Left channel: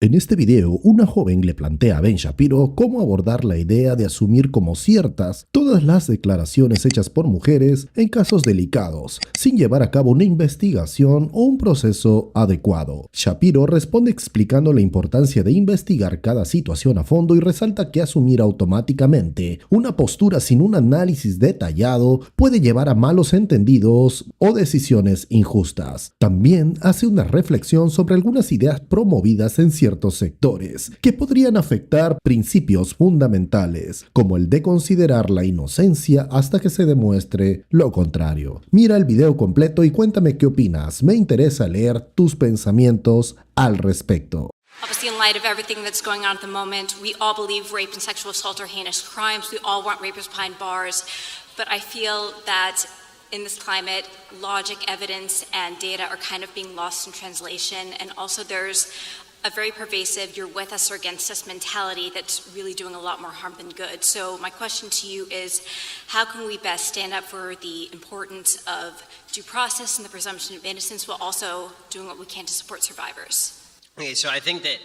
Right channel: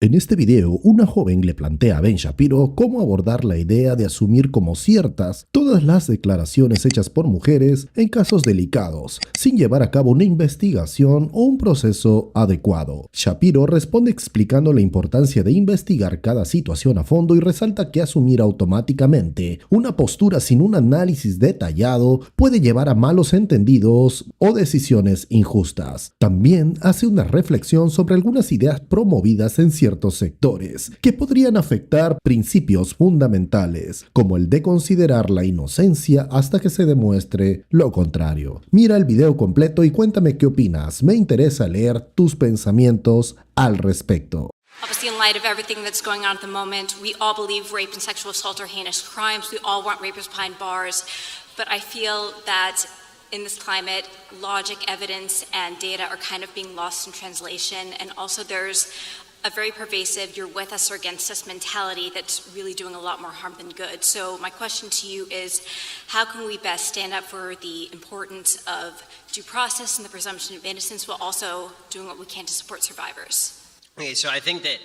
En este video, una joven le plantea a Ben Shapiro cómo abordar la idea de asumir como ciertas todas las declaraciones hechas por mujeres en casos delicados, sin llevar a cabo una investigación o un proceso adecuado. Shapiro responde explicando la importancia de investigar cada situación a fondo y resalta que asumir automáticamente una postura sin un análisis detallado puede llevar a malos entendidos o decisiones injustas. También hace una reflexión sobre algunas ideas promovidas en ciertos sectores que podrían afectar principios fundamentales, como el de considerar la inocencia hasta que se demuestre lo contrario. Mira el video completo y cuéntame qué opinas. Me interesa leer tus pensamientos al respecto. Obviously, in light of everything that's going on at the moment, we all believe rape and sexual assault are heinous crimes. We all want rapists behind bars. But I feel that in this climate, logic, evidence, and data are kind of being lost in translation. And also there's a very pervasive you're with us or against us mentality that's really doing a lot more harm than good. So my question to you is, how can we best stand up for the importance of due process and the presumption of innocence while also doing what we can to support survivors? Okay, so I think that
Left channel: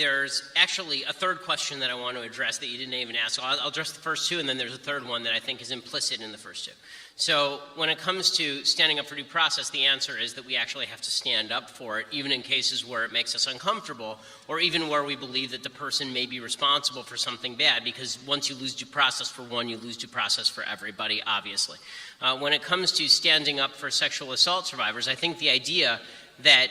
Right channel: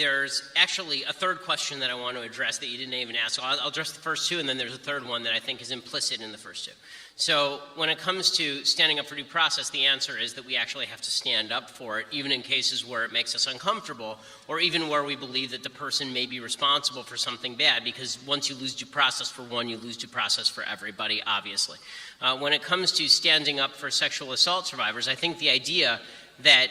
there's actually a third question that I want to address that you didn't even ask. So I'll address the first two, and then there's a third one that I think is implicit in the first two. So when it comes to standing up for due process, the answer is that we actually have to stand up for it, even in cases where it makes us uncomfortable, or even where we believe that the person may be responsible for something bad, because once you lose due process for one, you lose due process for everybody, obviously. When it comes to standing up for sexual assault survivors, I think the idea that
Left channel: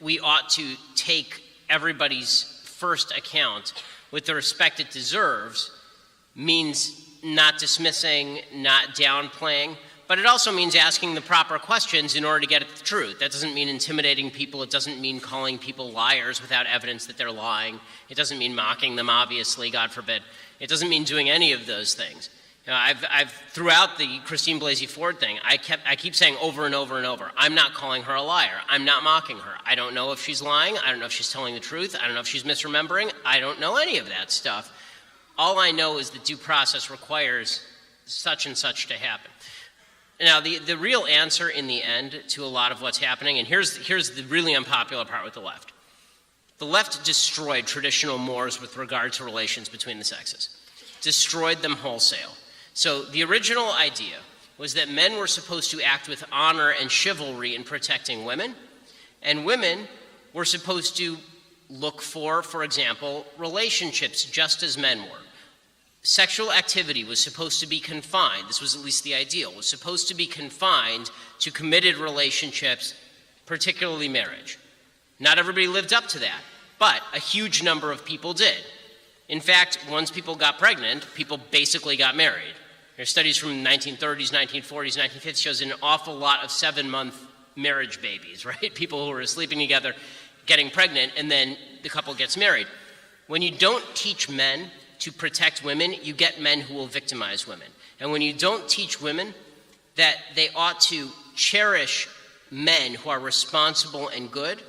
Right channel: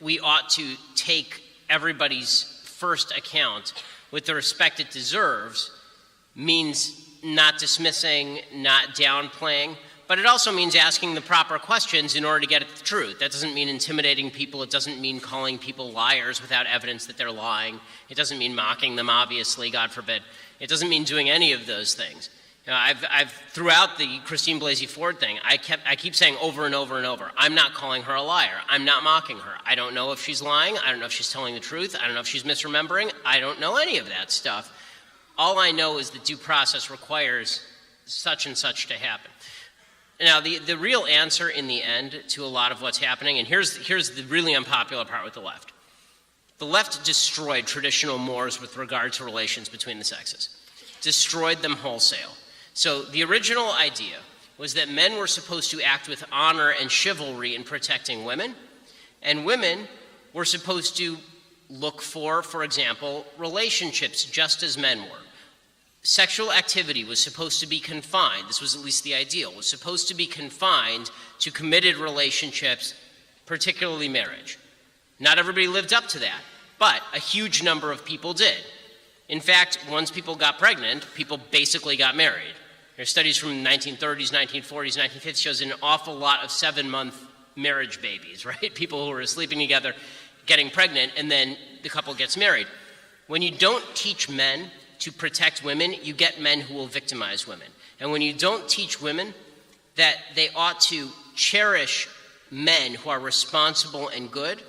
we ought to take everybody's first account with the respect it deserves means not dismissing, not downplaying, but it also means asking the proper questions in order to get at the truth. That doesn't mean intimidating people. It doesn't mean calling people liars without evidence that they're lying. It doesn't mean mocking them, obviously, God forbid. It doesn't mean doing any of those things. You know, I've throughout the Christine Blasey Ford thing, I keep saying over and over and over, I'm not calling her a liar. I'm not mocking her. I don't know if she's lying. I don't know if she's telling the truth. I don't know if she's misremembering. I don't know any of that stuff. All I know is that due process requires such and such to happen. Now, the real answer in the end to a lot of what's happening, and here's the really unpopular part with the left. The left destroyed traditional mores with regard to relations between the sexes. Destroyed them wholesale. So the original idea was that men were supposed to act with honor and chivalry in protecting women, and women were supposed to look for example, relationships just as men were. Sexual activity was supposed to be confined, this was at least the ideal, was supposed to be confined to committed relationships, particularly marriage. Not everybody lived up to that, but a huge number of people did. In fact, once people got pregnant, people basically got married. There's studies from the 1930s, 1940s, 1950s shows an awful lot of 7-month marriage babies, right? People who are sleeping together, getting pregnant, and then the couple gets married. When you don't teach men to protect women, you get men who will victimize women. And when you don't teach women that they ought to cherish men who are responsible and good,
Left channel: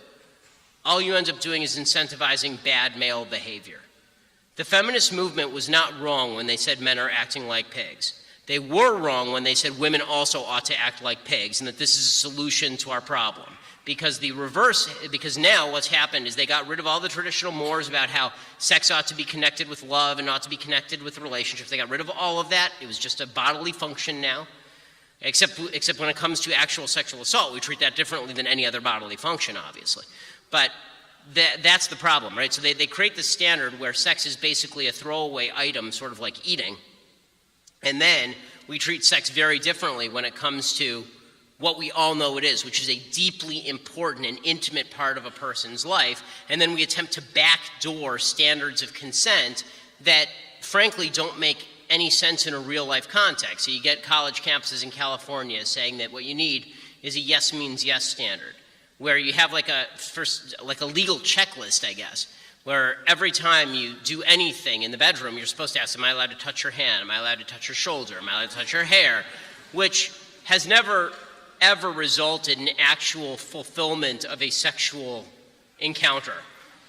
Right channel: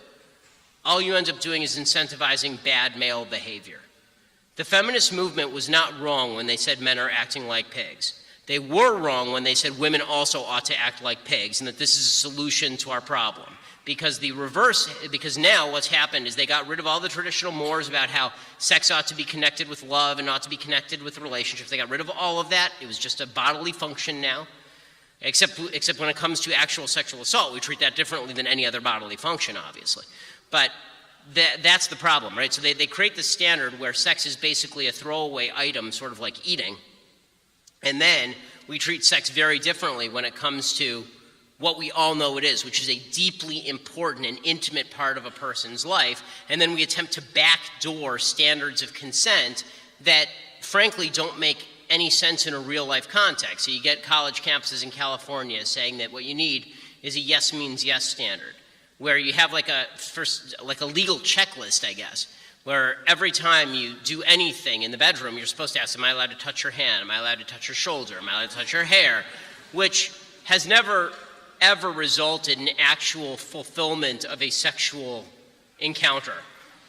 all you end up doing is incentivizing bad male behavior. The feminist movement was not wrong when they said men are acting like pigs. They were wrong when they said women also ought to act like pigs and that this is a solution to our problem. Because now what's happened is they got rid of all the traditional mores about how sex ought to be connected with love and ought to be connected with relationships. They got rid of all of that. It was just a bodily function now. Except when it comes to actual sexual assault, we treat that differently than any other bodily function, obviously. But that's the problem, right? So they create this standard where sex is basically a throwaway item, sort of like eating. And then we treat sex very differently when it comes to what we all know it is, which is a deeply important and intimate part of a person's life. And then we attempt to backdoor standards of consent that, frankly, don't make any sense in a real-life context. So you get college campuses in California saying that what you need is a yes means yes standard, where you have like a legal checklist, I guess, where every time you do anything in the bedroom, you're supposed to ask, am I allowed to touch your hand? Am I allowed to touch your shoulder? Am I allowed to touch your hair? Which has never, ever resulted in actual fulfillment of a sexual encounter,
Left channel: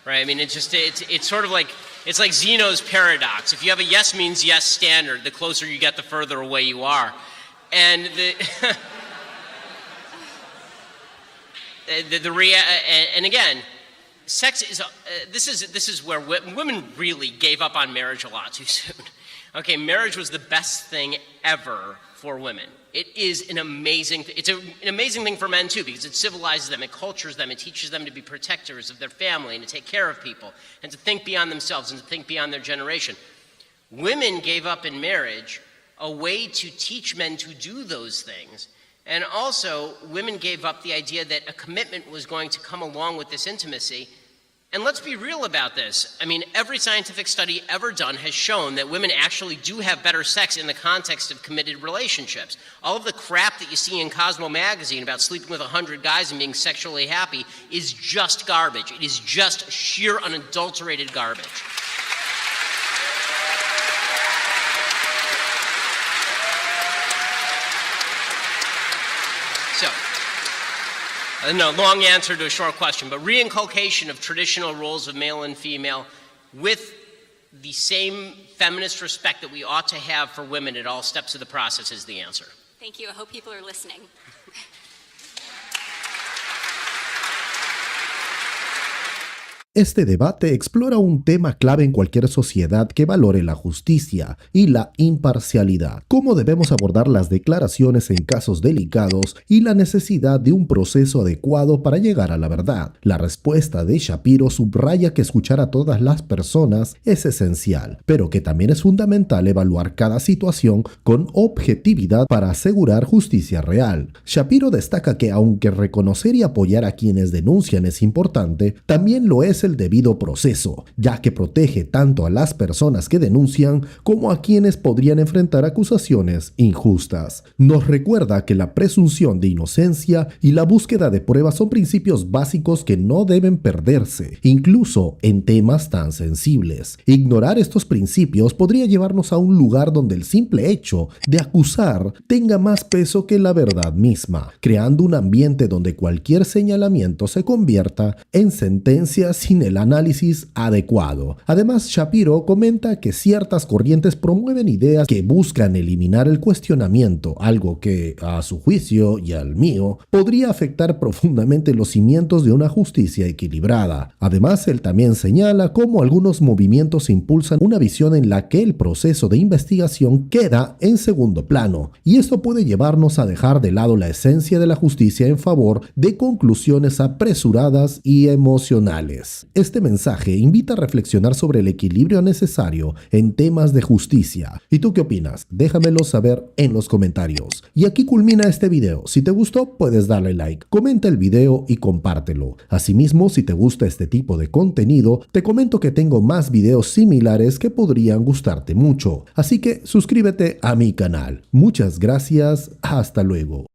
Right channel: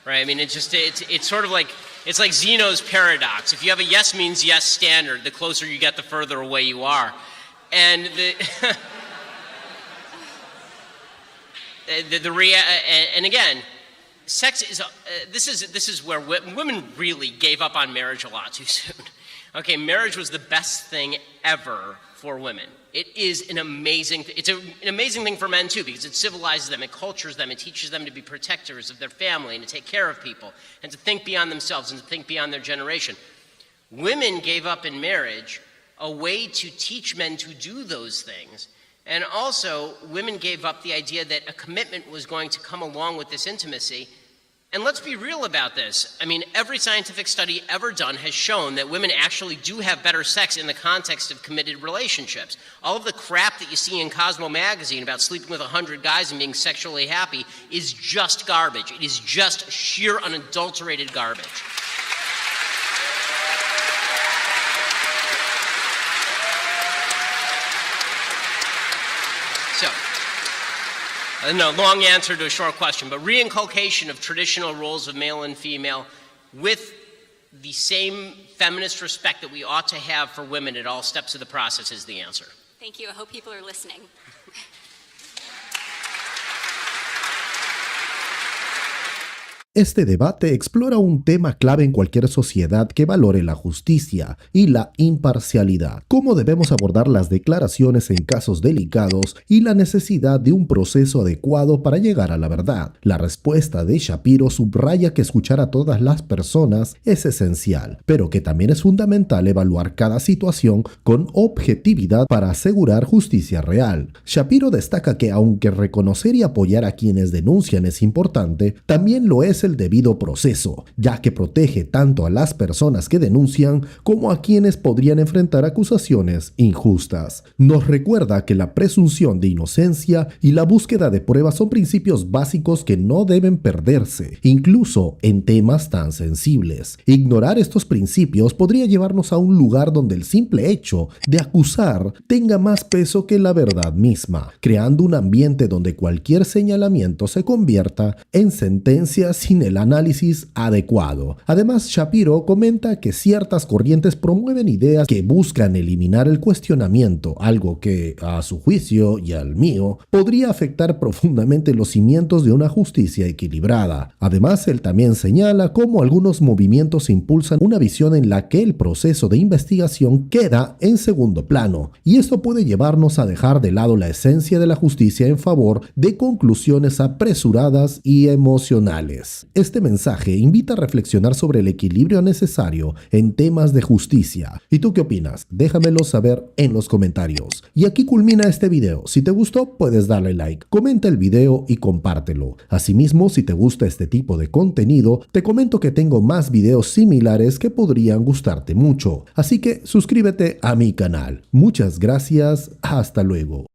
right? I mean, it's sort of like, it's like Zeno's paradox. If you have a yes means yes standard, the closer you get, the further away you are. And and again, sex is this is where women really gave up on marriage a lot too soon. Okay, marriage was the best thing ever for women. It is an amazing thing for men too, because it civilizes them, it cultures them, it teaches them to be protectors of their family and to take care of people and to think beyond themselves and to think beyond their generation. Women gave up in marriage a way to teach men to do those things. And also, women gave up the idea that a commitment was going to come along with this intimacy. And let's be real about this. I mean, every scientific study ever done has shown that women actually do have better sex in the context of committed relationships. All of the crap that you see in Cosmo magazine about sleeping with 100 guys and being sexually happy is just garbage. It is just sheer unadulterated garbage. So, no, long answer to a short question, but reinculcation of traditional roles of male and female with the same feminist respect that we ought to have for women at all steps of the process is the answer. Thank you. I hope people are listening. Este debate explora un tema clave en cualquier sociedad que valore la justicia y la imparcialidad, cómo debemos abordar las declaraciones en casos delicados y la necesidad de un proceso adecuado para llegar a la verdad. La respuesta de Shapiro subraya que escuchar a todas las personas es esencial, pero que también es fundamental evaluar cada situación con objetividad para asegurar justicia real. Shapiro destaca que aunque reconocer y apoyar a quienes denuncian es importante, también lo es el debido proceso, ya que protege tanto a las personas que denuncian como a quienes podrían enfrentar acusaciones injustas. Nos recuerda que la presunción de inocencia y la búsqueda de pruebas son principios básicos que no deben perderse, incluso en temas tan sensibles. Ignorar estos principios podría llevarnos a un lugar donde el simple hecho de acusar tenga más peso que la verdad misma, creando un ambiente donde cualquier señalamiento se convierta en sentencia sin el análisis adecuado. Además, Shapiro comenta que ciertas corrientes promueven ideas que buscan eliminar el cuestionamiento, algo que, a su juicio y al mío, podría afectar profundamente los cimientos de una justicia equilibrada. Además, él también señala cómo algunos movimientos impulsan una visión en la que el proceso de investigación queda en segundo plano, y esto puede llevarnos a dejar de lado la esencia de la justicia en favor de conclusiones apresuradas y emocionales. Este mensaje invita a reflexionar sobre el equilibrio necesario en temas de justicia. ¿Y tú qué opinas? Déjamelo saber en los comentarios. Y aquí culmina este video. Si te gustó, puedes darle like, comenta el video y compártelo. Asimismo, si te gusta este tipo de contenido, te comento que tengo más videos similares que podrían gustarte mucho. Así que suscríbete a mi canal. Muchas gracias. Hasta luego.